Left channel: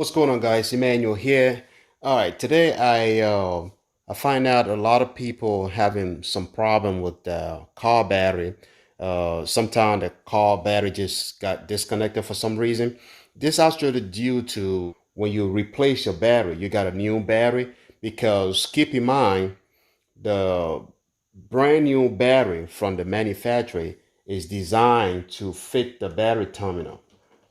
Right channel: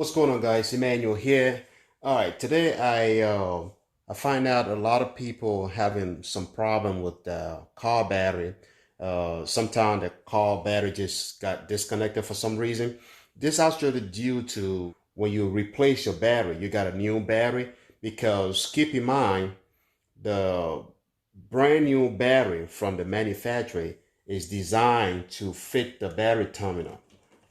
What's going on, guys? Emmanuel here. All right, today I find out a lot of people having some problem with the car battery. Sometimes the car battery just got disconnected for some reason. This actually due to when you replace your battery, you got a new battery because keep in mind the brand new battery from the manufacturer is designed to fit the battery terminal.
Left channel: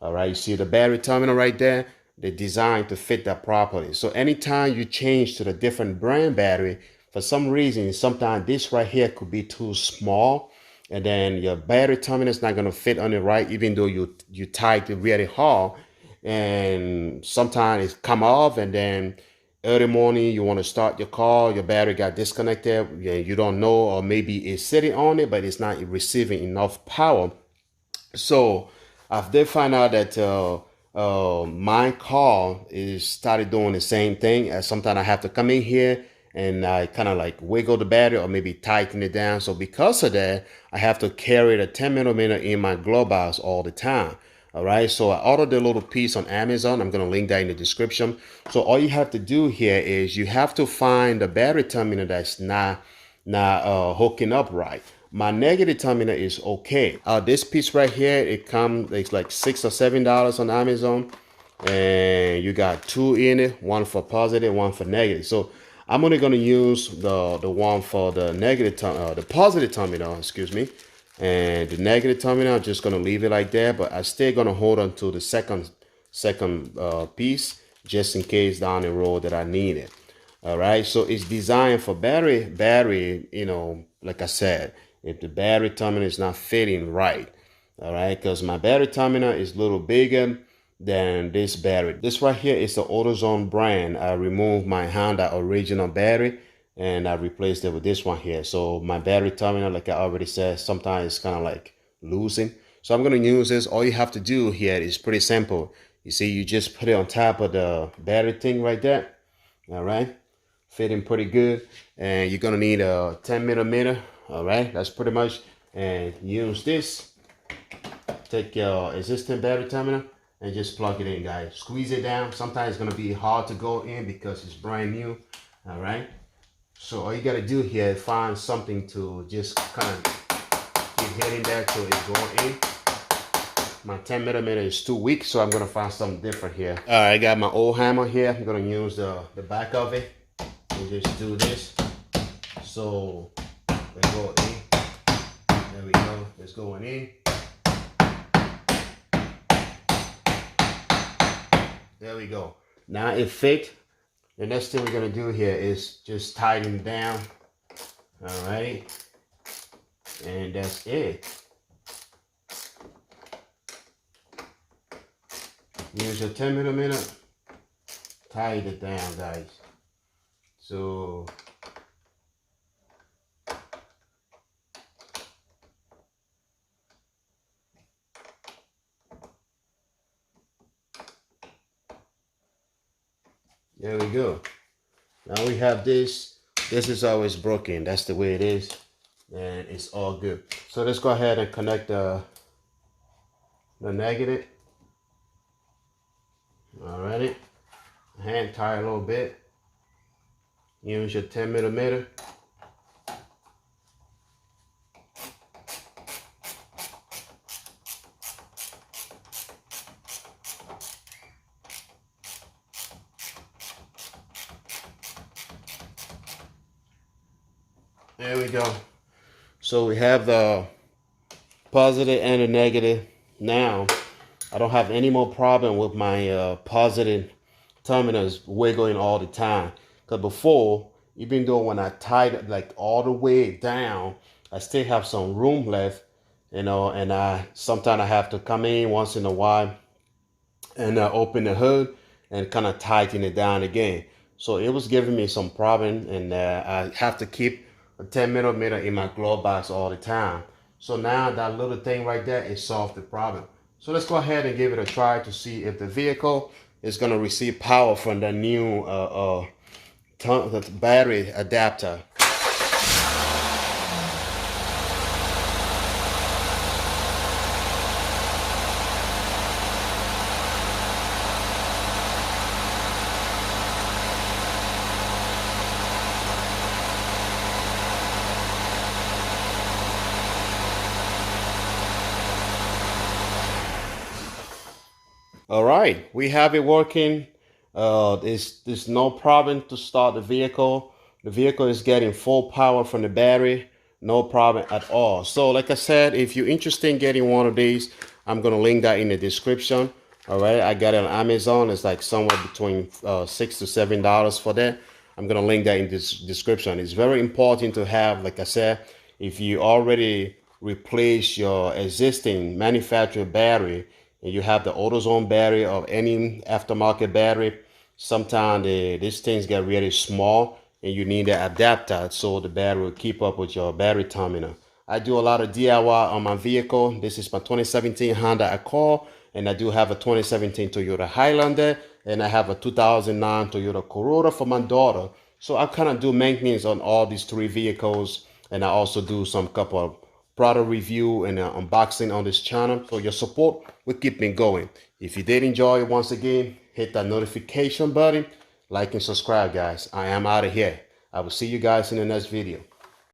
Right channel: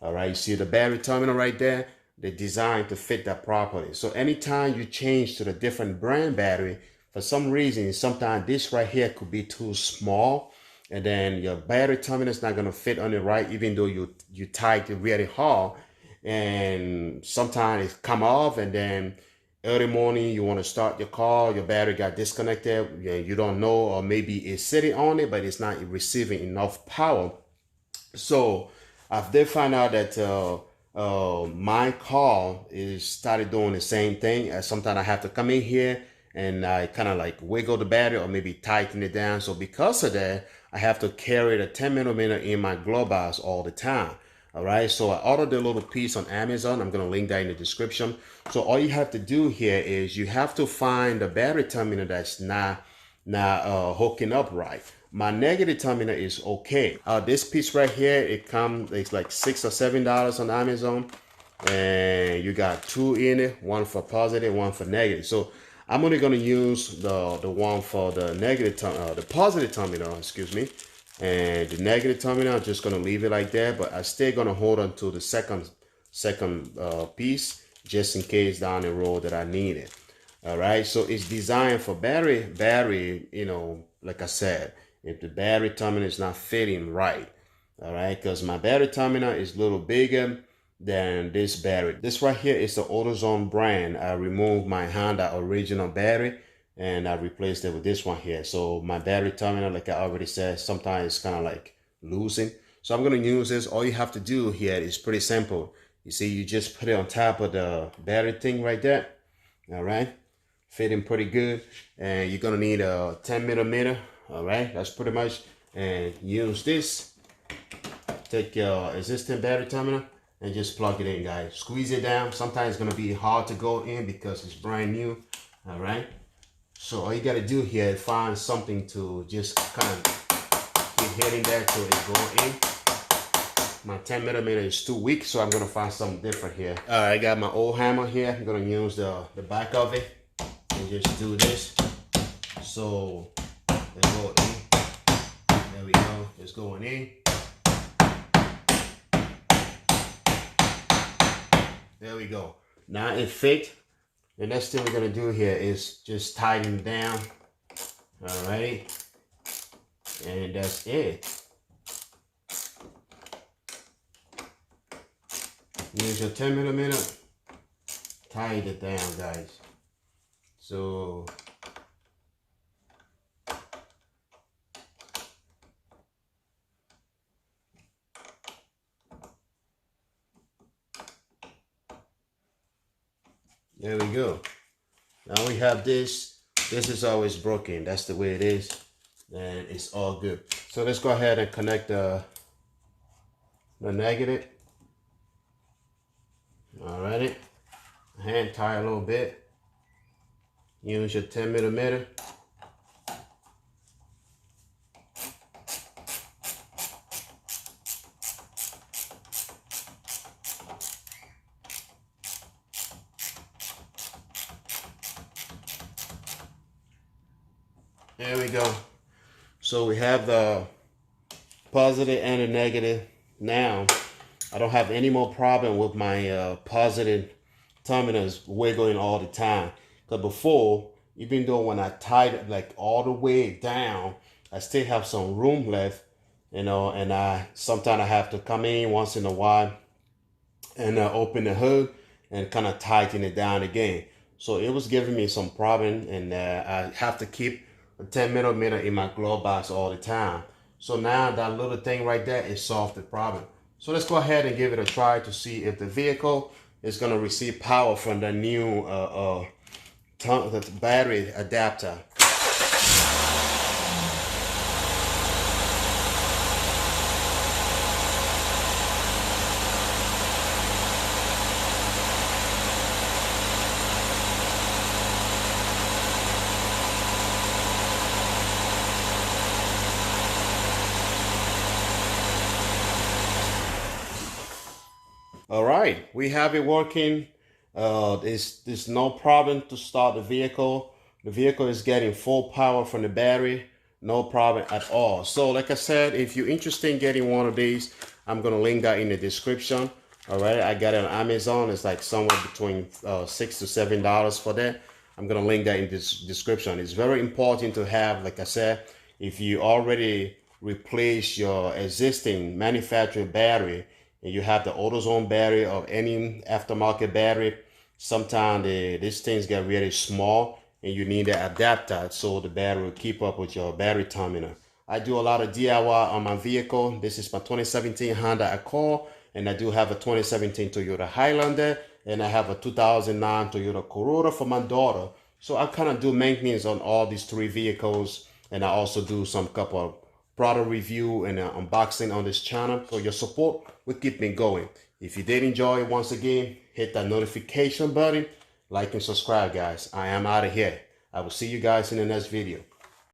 All right, you see the battery terminal right there? They're designed to fit that properly. So anytime you change to the different brand battery, for some reason, sometimes this right here could be too small, and then your battery terminal is not going to fit on it right, even though you tight it really hard, and sometimes it come off, and then early morning you want to start your car, your battery got disconnected, you don't know, or maybe it's sitting on it but it's not receiving enough power. So I did find out that my car is started doing the same thing. Sometimes I have to come in here and I kind of like wiggle the battery or maybe tighten it down. So because of that, I have to carry the 10 millimeter in my glove box all the time. All right, so I ordered a little piece on Amazon. I'm going to link that in the description. So all you have to do here is you have to find the battery terminal that's not hooking up right. My negative terminal is okay. This piece right here, it's like $6 or $7 on Amazon, and you got two in it, one for positive, one for negative. So I'm only gonna use the one for the the positive terminal, excuse me, and the negative terminal. I'm just gonna leave it like that, but I still gonna hold on to the second piece just in case down the road that I need it. All right, so it's designed for battery, like I said, if the battery terminal is not fitting right. All right, because my battery terminal is a little bigger than this battery. This right here is the AutoZone brand. I removed my Honda original battery and I replaced it with this one here. So my battery terminal, like I already said, sometimes it's kind of like losing. So I'm going to use this. All you have to do here is pretty simple. You see, you just put it on top of the battery thing right there. All right, fitting pretty good. And you're going to need a 10 millimeter. All right, that's pretty much. And use this. Take your existing battery terminal and just plug it in, guys. Squeeze it down. Sometimes it's going to be hard to go in because it's brand new. All right, so all you got to do here is find something to just kind of keep hitting that till it go in. My 10 millimeter is too weak, so I'm going to find something different here. All right, I got my old hammer here. I'm going to use the back of it and just do this. So they go in. There we go. It's going in. There we go. Now it fit. The next thing we're gonna do here is just tighten it down. All right, and that's it. Use your 10 millimeter. Tighten it down, guys. So there we go. Now we have this. This is always broken. That's the way it is. And it's all good. So let's go ahead and connect the negative. Alrighty. Hand tie a little bit. Use your 10 millimeter. There we go. So we have the positive and the negative. Now, I don't have any more problem with my positive terminals wiggling all the time. Because before, even though when I tied it like all the way down, I still have some room left, and sometimes I have to come in once in a while and open the hood and kind of tighten it down again. So it was giving me some problem, and I have to keep a 10 millimeter in my glove box all the time. So now that little thing right there is solved the problem. So let's go ahead and give it a try to see if the vehicle is going to receive power from the new battery adapter. All right, we have it working. There's no problem to start the vehicle. The vehicle is getting full power from the battery. No problem at all. So like I said, if you're interested in getting one of these, I'm gonna link that in the description. All right, I got it on Amazon. It's like somewhere between $6 to $7 for that. I'm gonna link that in this description. It's very important to have, like I said, if you already replace your existing manufactured battery and you have the AutoZone battery or any aftermarket battery, sometimes these things get really small and you need an adapter so the battery will keep up with your battery terminal. I do a lot of DIY on my vehicle. This is my 2017 Honda Accord, and I do have a 2017 Toyota Highlander, and I have a 2009 Toyota Corolla for my daughter. So I kind of do maintenance on all these three vehicles, and I also do some couple of product review and unboxing on this channel. So your support will keep me going. If you did enjoy it, once again, hit that notification button, like and subscribe, guys. I am out of here. I will see you guys in the next video.